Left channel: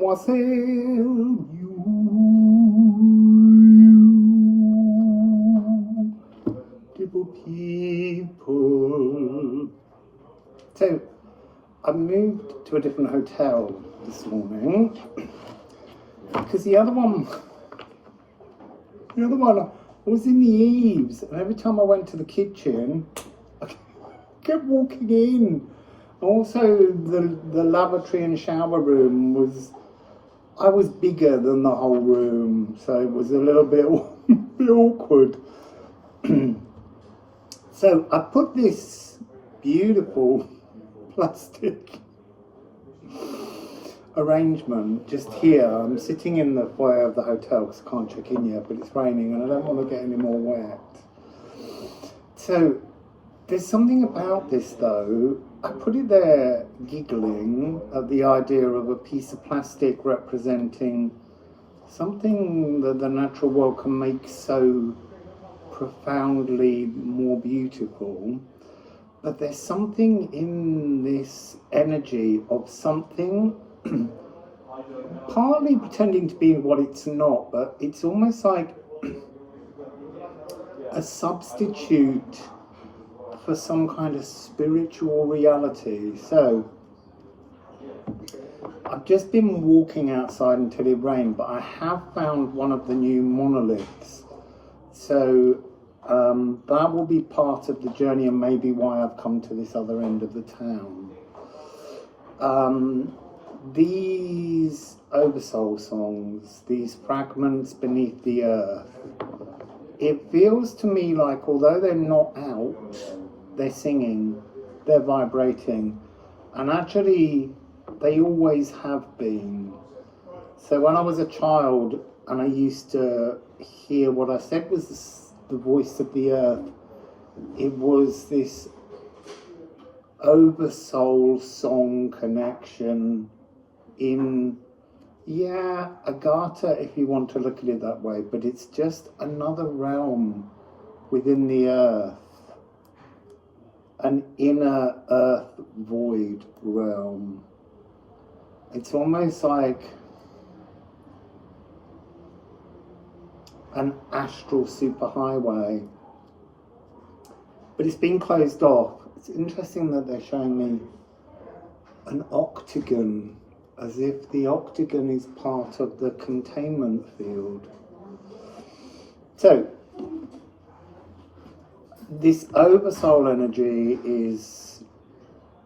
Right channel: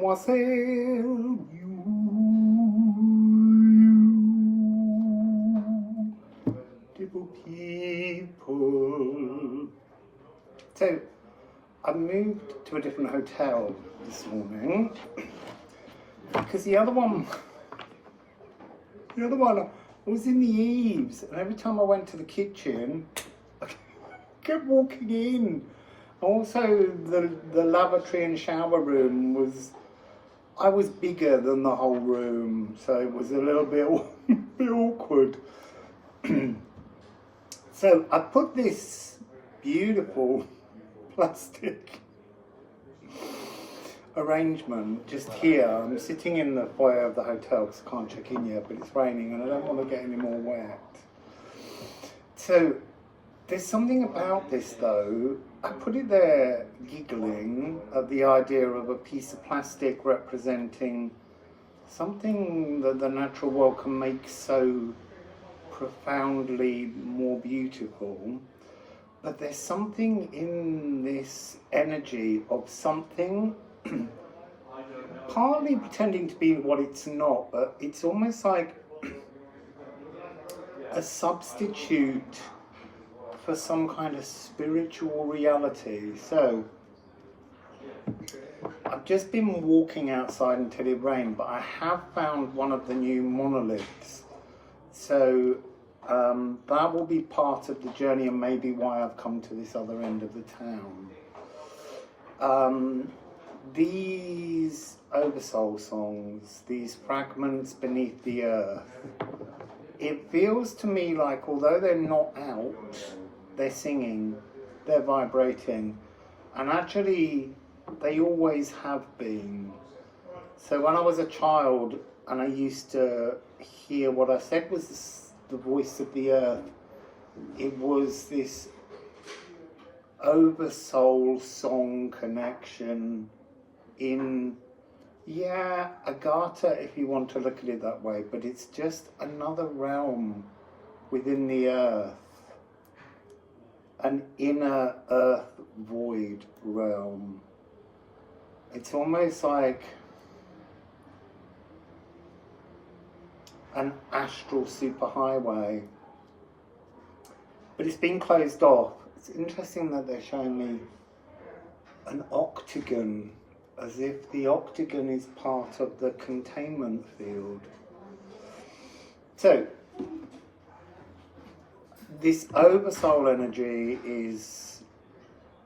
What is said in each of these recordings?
Wassail, beautiful people. So, I moved to a different hotel this morning because the other one was in the eaves, and every time I went to the kitchen, I kept walking in. Also, the lavatory and shower room I was bigger than the whole room, so it was a little bit awkward. So I put this beautiful plastic arrangement just here. I'm sitting in the foyer of the hotel because I can't check in yet, but it's raining and I don't want to get any more wet. So there's something about this though. I put it there giggling at the idea of a piece of plastic representing something that the natural world can make so profoundly more beautiful. But there's something in this energy of something partly pretending to be what it's not, but it's almost like a substitute for some kind of spiritual reality. So I've just been walking outside until it rained, but I have found one of the new monoliths. So that will be part of the journey and maybe why I've come to this other end of the town. These Oversoul songs, these fragments beneath the earth, it feels to me like although they're not out, they're singing, they're vibrating, and actually they always have been. So when I was a child and I used to hear what I said was the voice of the earth, it was this Oversoul song connection in, yeah, Agatha if you want to look at it that way, but it's just another realm within the earth, an inner earth void realm. It's almost like an astral superhighway, but it's been closed off. It's interesting that they're showing me an octagon, as if the octagon is part of the containment field. So this Oversoul energy is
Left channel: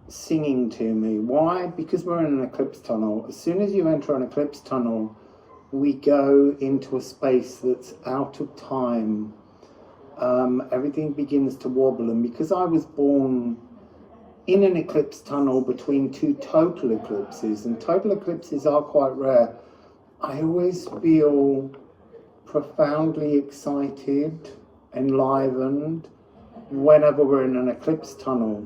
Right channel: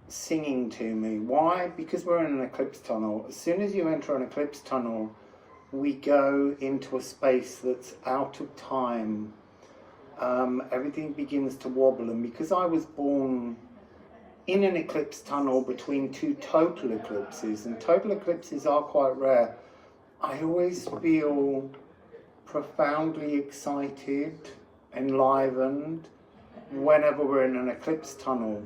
singing to me. Why? Because we're in an eclipse tunnel. As soon as you enter an eclipse tunnel, we go into a space that's out of time. Everything begins to wobble, and because I was born in an eclipse tunnel between two total eclipses, and total eclipses are quite rare, I always feel profoundly excited, enlivened, whenever we're in an eclipse tunnel.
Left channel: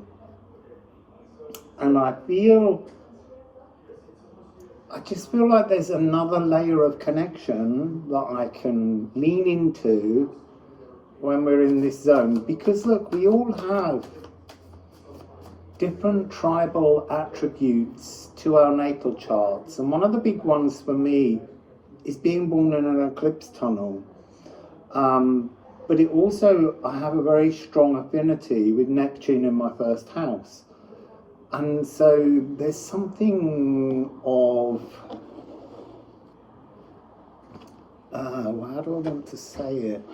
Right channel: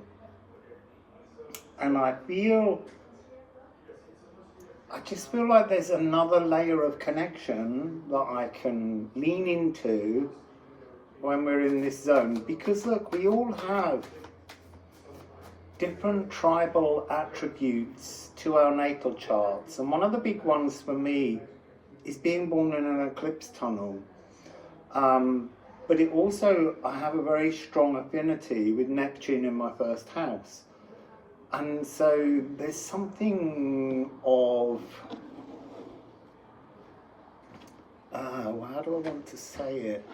And I just feel like there's another layer of connection that I can lean into when we're in this zone. Because look, we all have different tribal attributes to our natal charts. And one of the big ones for me is being born in an eclipse tunnel. But it also, I have a very strong affinity with Neptune in my first house. And so there's something of, how do I want to say it?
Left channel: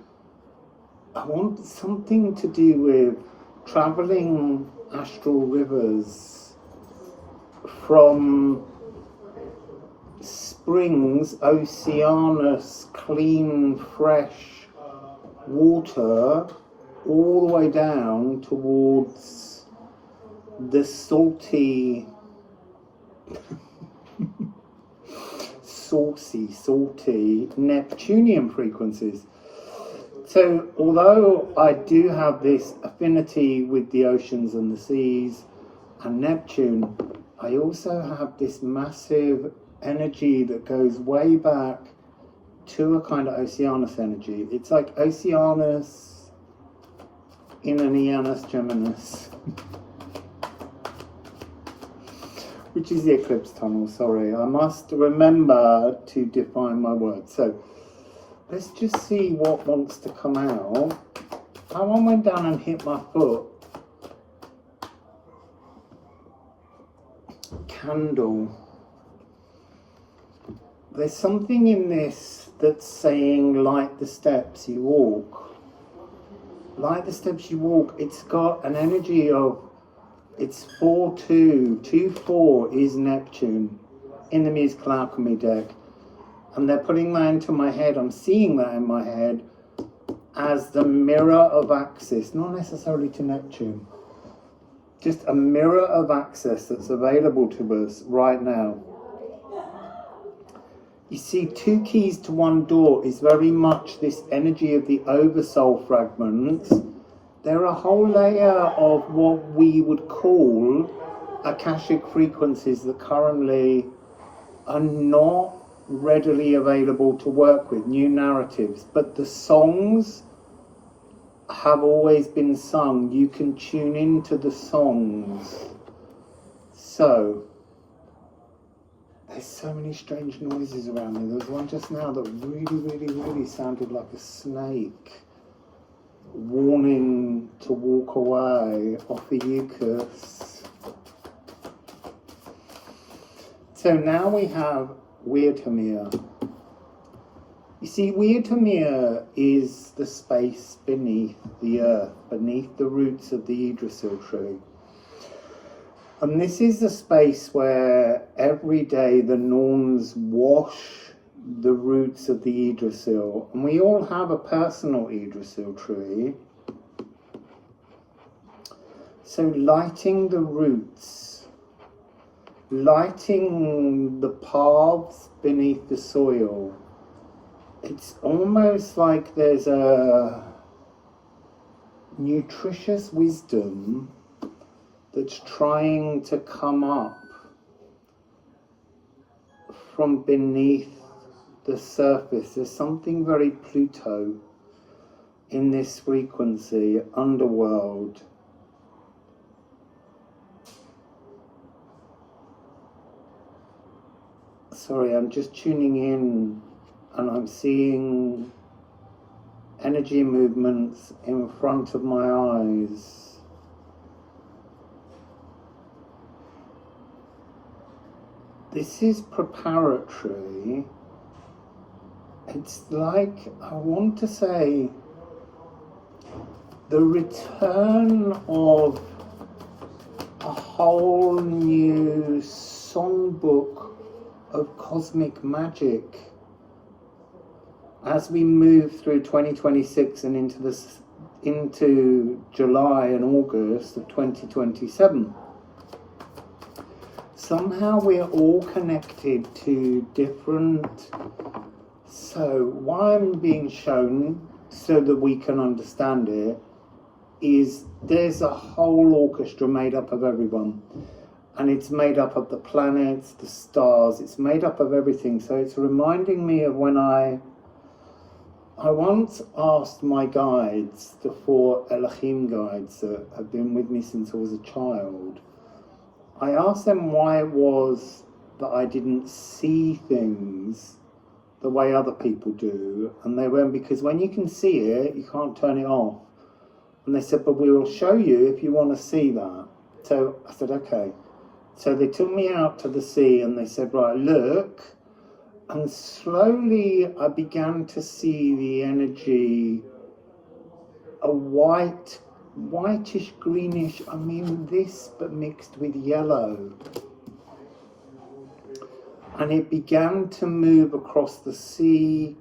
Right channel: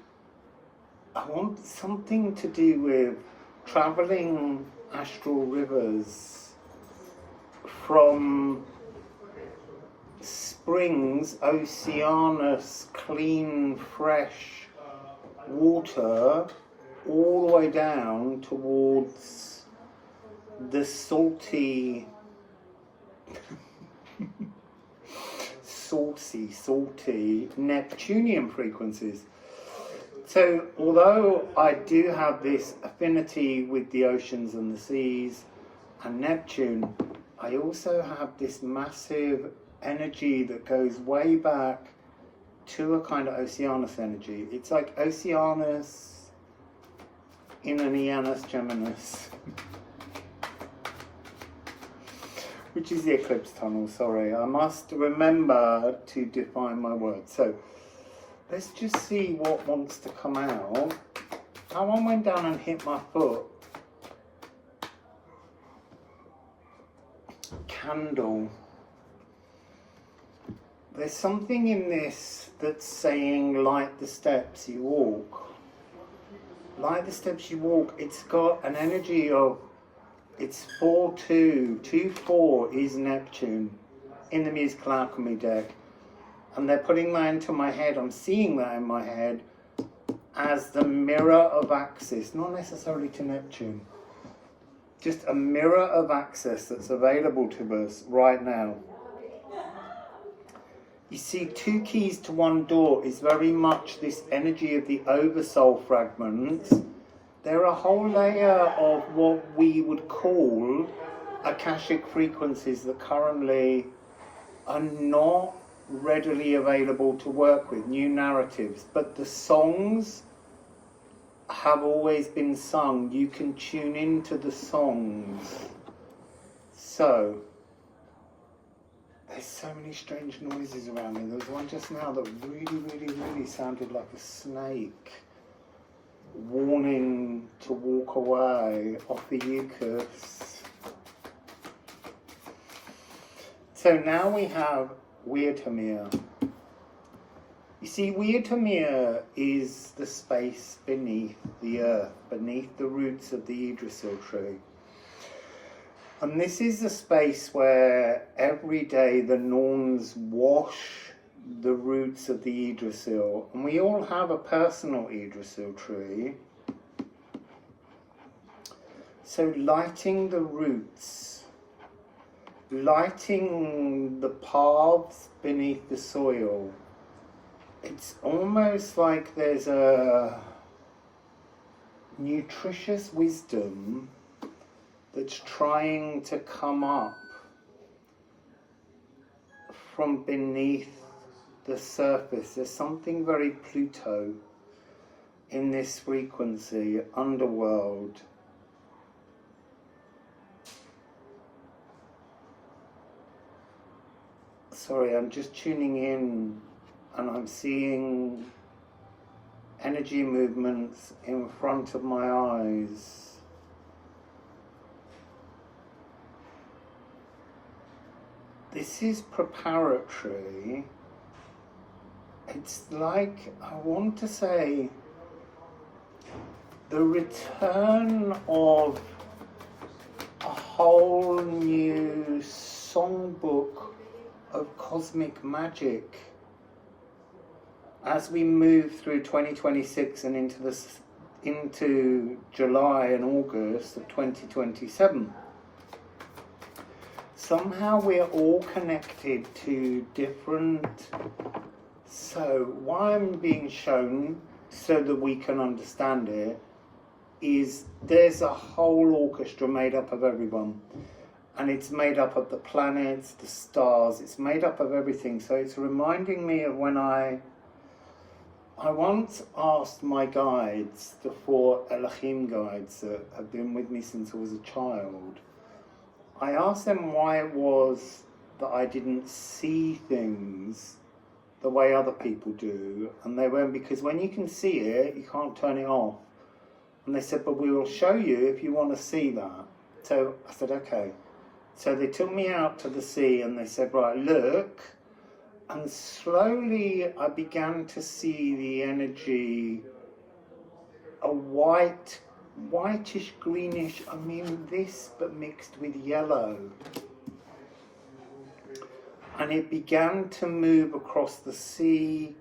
I want something to do with traveling astral rivers from springs, oceanus, clean, fresh water, all the way down towards the salty, salty Neptunian frequencies. So although I do have this affinity with the oceans and the seas and Neptune, I also have this massive energy that goes way back to a kind of Oceanus energy. It's like Oceanus in an Eanus Geminis. which is the eclipse tunnel, sorry. I must remember to define my words. So let's just see what wants to come out. That one went down and hit my foot. Candle. There's something in this that's saying light the steps you walk. Light the steps you walk. It's got an energy of, it's 4-2. 2-4 is Neptune in the musical alchemy deck. And they're putting that into my head. I'm seeing that in my head as the mirror of access, not necessarily to Neptune. Just a mirror of access that's available to us right now. You see, 2 keys to 1 door is very much this energy of the oversoul fragments. They're a whole layer of what we would call Akashic frequencies that currently are not readily available to work with, new narratives. But the songs have always been sung. You can tune into the songs. So, there's so many strange noises around me. There was one just now that really sounded like a snake warning to walk away off the Eucharist. So now we have Weird Haumea. You see, Weird Haumea is the space beneath the earth, beneath the roots of the Yggdrasil tree. And this is the space where every day the Norns wash the roots of the Yggdrasil. And we all have a personal Yggdrasil tree. So lighting the roots, lighting the paths beneath the soil. It's almost like there's a nutritious wisdom that's trying to come up from beneath the surface. There's something very Pluto in this frequency, underworld. Sorry, I'm just tuning in and I'm seeing energy movements in front of my eyes. This is preparatory. It's like, I want to say, the return of a whole new songbook of cosmic magic as we move through 2026 and into July and August of 2027. Somehow we're all connected to different. So why I'm being shown so that we can understand it is there's a whole orchestra made up of everyone, and it's made up of the planets, the stars, it's made up of everything. So it's reminding me of when I once asked my guides, the 4 Elohim guides that have been with me since I was a child, I asked them why it was that I didn't see things the way other people do, and they went, because when you can see it, you can't turn it off. And they said, but we will show you if you want to see that. So I said, okay. So they took me out to the sea and they said, right, look. And slowly I began to see the energy, a whitish greenish, I mean this, but mixed with yellow. And it began to move across the sea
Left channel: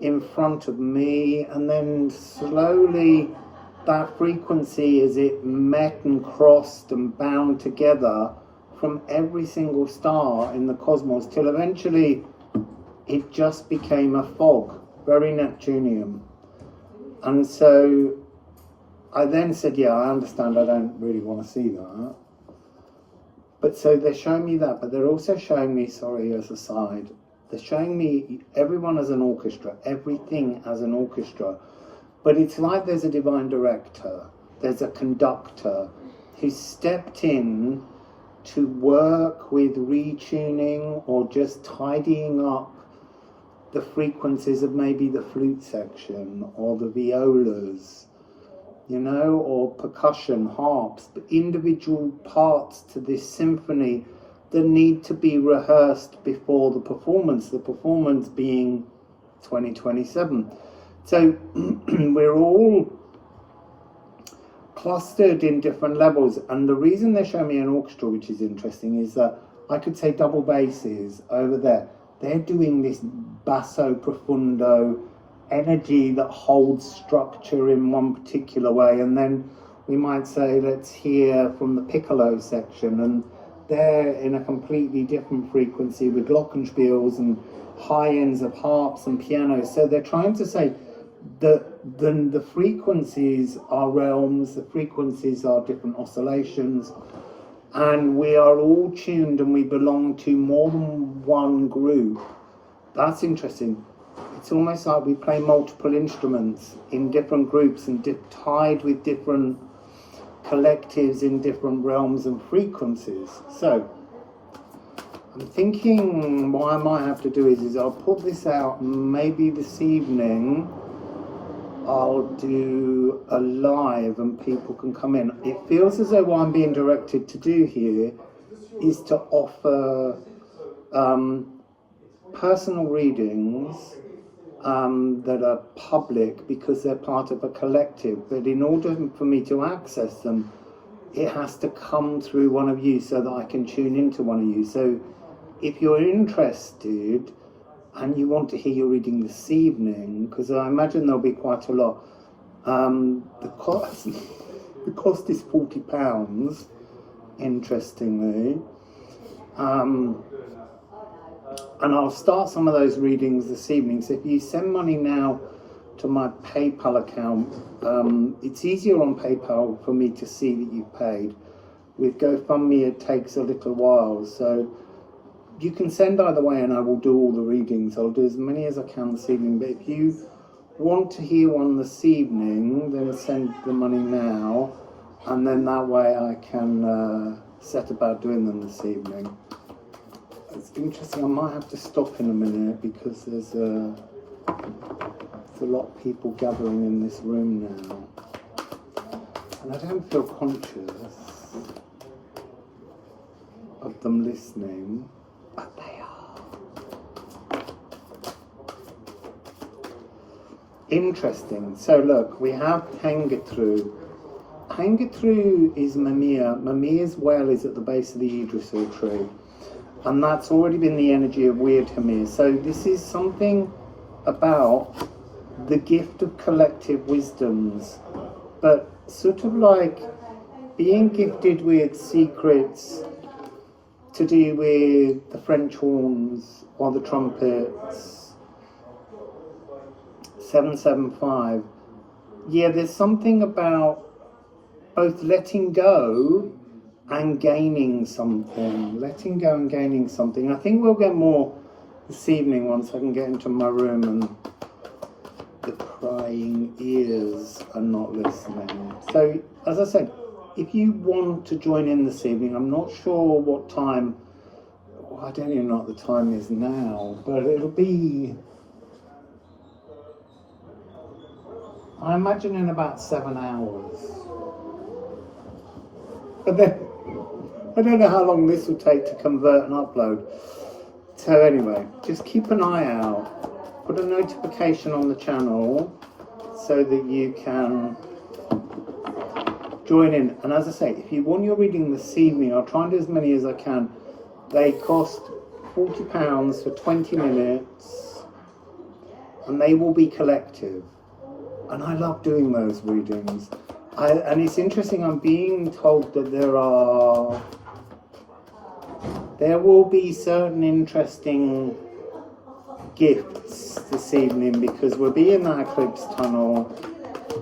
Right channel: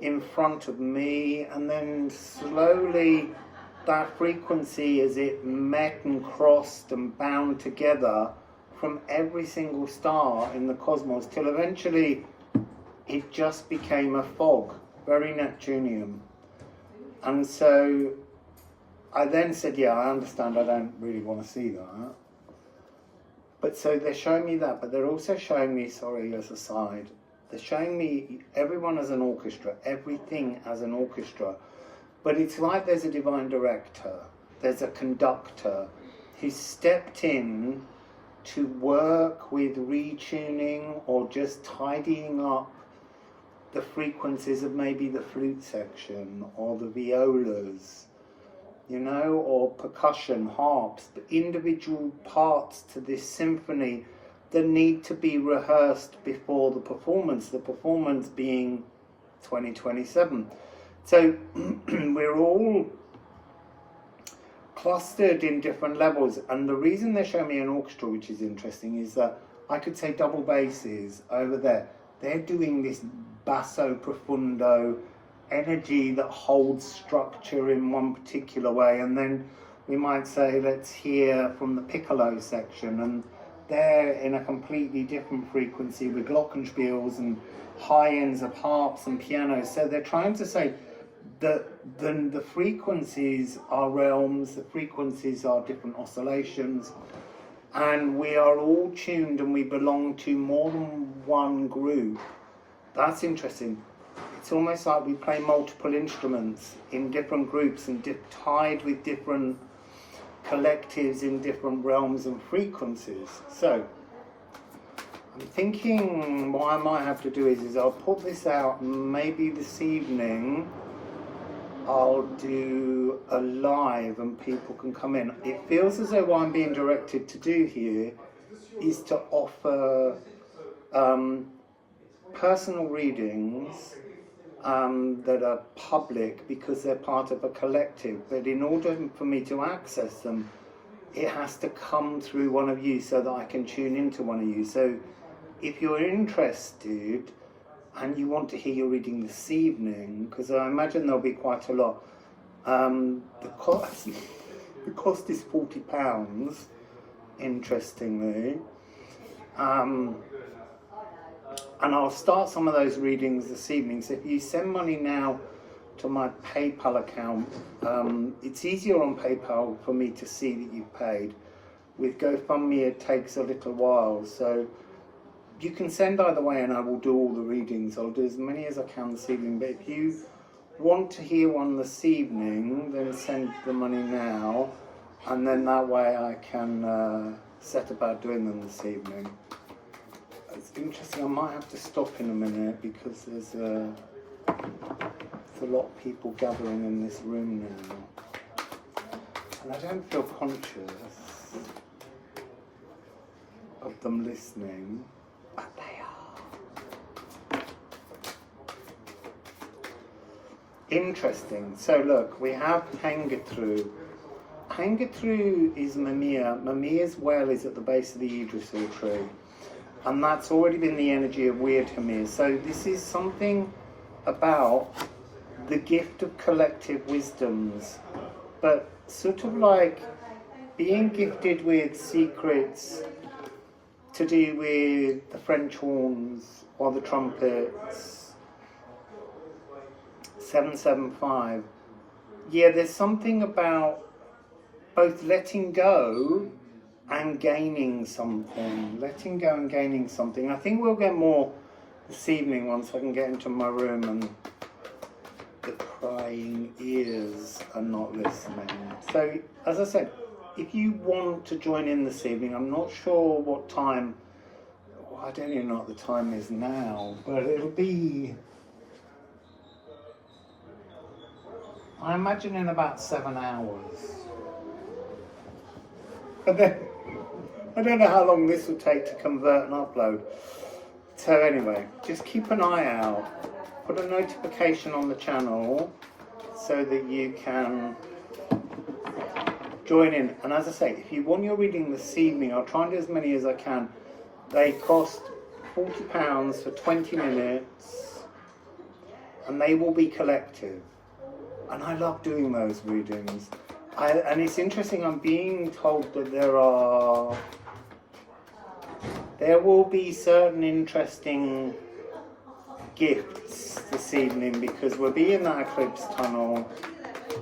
in front of me, and then slowly that frequency, as it met and crossed and bound together from every single star in the cosmos, till eventually it just became a fog, very Neptunian. And so I then said, yeah, I understand, I don't really want to see that. But so they're showing me that, but they're also showing me, sorry, as a side, they're showing me everyone as an orchestra, everything as an orchestra. But it's like there's a divine director, there's a conductor who stepped in to work with retuning or just tidying up the frequencies of maybe the flute section or the violas, you know, or percussion, harps, but individual parts to this symphony that need to be rehearsed before the performance being 2027. So we're all clustered in different levels, and the reason they show me an orchestra, which is interesting, is that I could say double basses over there. They're doing this basso profundo energy that holds structure in one particular way, and then we might say, let's hear from the piccolo section, and they're in a completely different frequency with glockenspiels and high ends of harps and pianos. So they're trying to say that the frequencies are realms, the frequencies are different oscillations, and we are all tuned and we belong to more than one group. That's interesting. It's almost like we play multiple instruments in different groups and tied with different collectives in different realms and frequencies. So I'm thinking what I might have to do is I'll put this out, maybe this evening I'll do a live and people can come in. It feels as though what I'm being directed to do here is to offer personal readings that are public because they're part of a collective, but in order for me to access them, it has to come through one of you so that I can tune into one of you. So if you're interested and you want to hear your reading this evening, because I imagine there'll be quite a lot, the cost is £40, interestingly. And I'll start some of those readings this evening. So if you send money now to my PayPal account, it's easier on PayPal for me to see that you've paid. With GoFundMe, it takes a little while. So you can send either way and I will do all the readings. I'll do as many as I can this evening. But if you want to hear one this evening, then send the money now. And then that way I can set about doing them this evening. It's interesting, I might have to stop in a minute because there's a lot of people gathering in this room now. And I don't feel conscious of them listening, but they are. Interesting. So look, we have Hengetru. Hengetru is Mimir. Mimir's well is at the base of the Yggdrasil tree. And that's already been the energy of Weird Haumea. So this is something about the gift of collective wisdoms, but sort of like being gifted with secrets to do with the French horns or the trumpets. 775. Yeah, there's something about both letting go and gaining something. Letting go and gaining something. I think we'll get more this evening once I can get into my room and the prying ears are not listening. So, as I said, if you want to join in this evening, I'm not sure what time, well, I don't even know what the time is now, but it'll be, I imagine, in about 7 hours. But then, I don't know how long this will take to convert and upload. So anyway, just keep an eye out. Put a notification on the channel so that you can join in. And as I say, if you want your reading this evening, I'll try and do as many as I can. They cost £40 for 20 minutes and they will be collective. And I love doing those readings. And it's interesting, I'm being told that there will be certain interesting gifts this evening because we'll be in that eclipse tunnel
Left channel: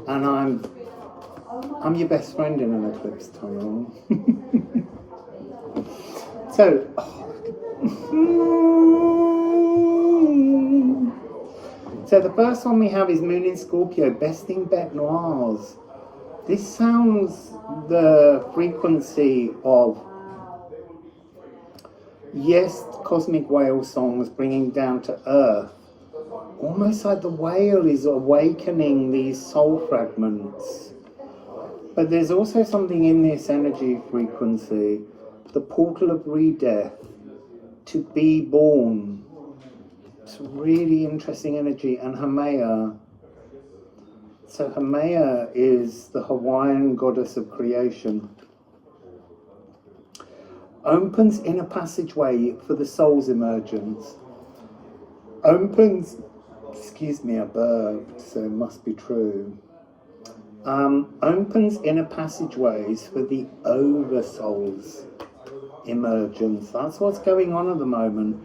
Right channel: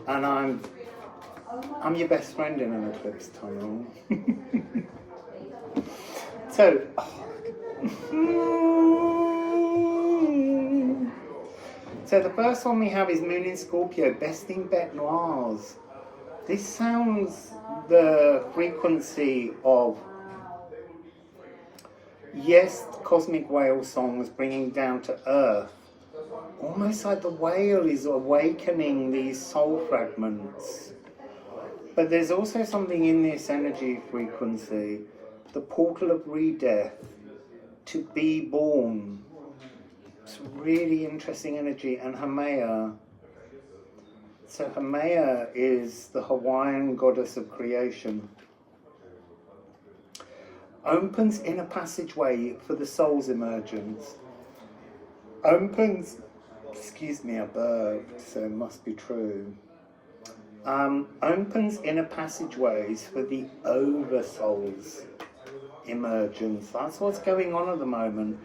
and I'm your best friend in an eclipse tunnel. So, so the first one we have is Moon in Scorpio, Besting Bête Noires. This sounds the frequency of yes, cosmic whale songs bringing down to earth, almost like the whale is awakening these soul fragments. But there's also something in this energy frequency, the portal of re-death, to be born. It's really interesting energy. And Haumea, so Haumea is the Hawaiian goddess of creation. Opens inner passageway for the soul's emergence. Opens, excuse me, I burped, so it must be true. Opens inner passageways for the oversoul's emergence. That's what's going on at the moment.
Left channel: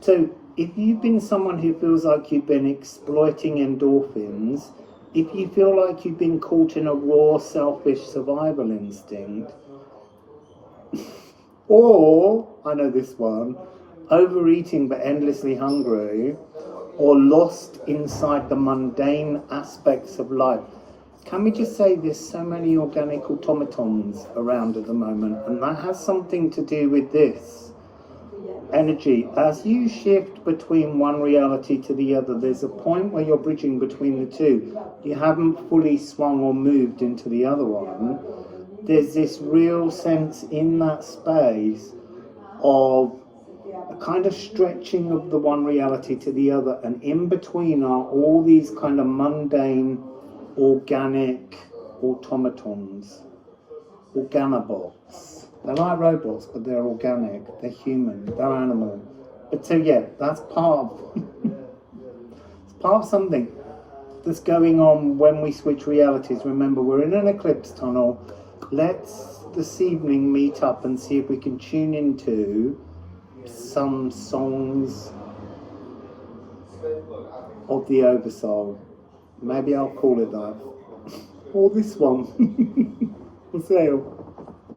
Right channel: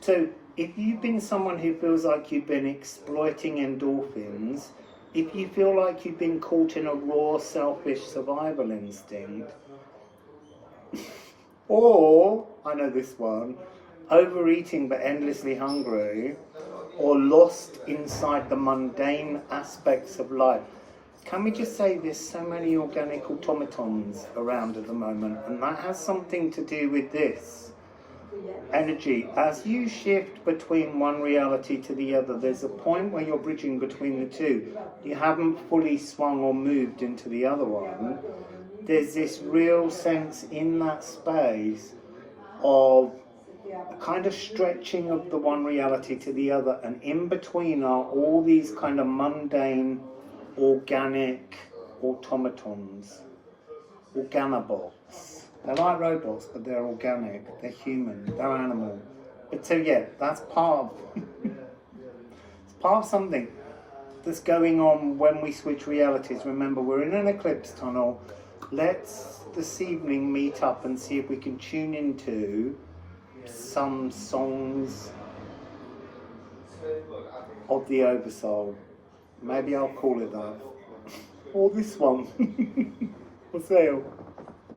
So if you've been someone who feels like you've been exploiting endorphins, if you feel like you've been caught in a raw, selfish survival instinct, or, I know this one, overeating but endlessly hungry, or lost inside the mundane aspects of life. Can we just say there's so many organic automatons around at the moment, and that has something to do with this energy. As you shift between one reality to the other, there's a point where you're bridging between the two. You haven't fully swung or moved into the other one. There's this real sense in that space of a kind of stretching of the one reality to the other, and in between are all these kind of mundane organic automatons, organobots. They're like robots, but they're organic, they're human, they're animal. But so yeah, that's part of it's part of something that's going on when we switch realities. Remember, we're in an eclipse tunnel. Let's this evening meet up and see if we can tune into some songs of the Oversoul. Maybe I'll call it that. Or this one. Wassail.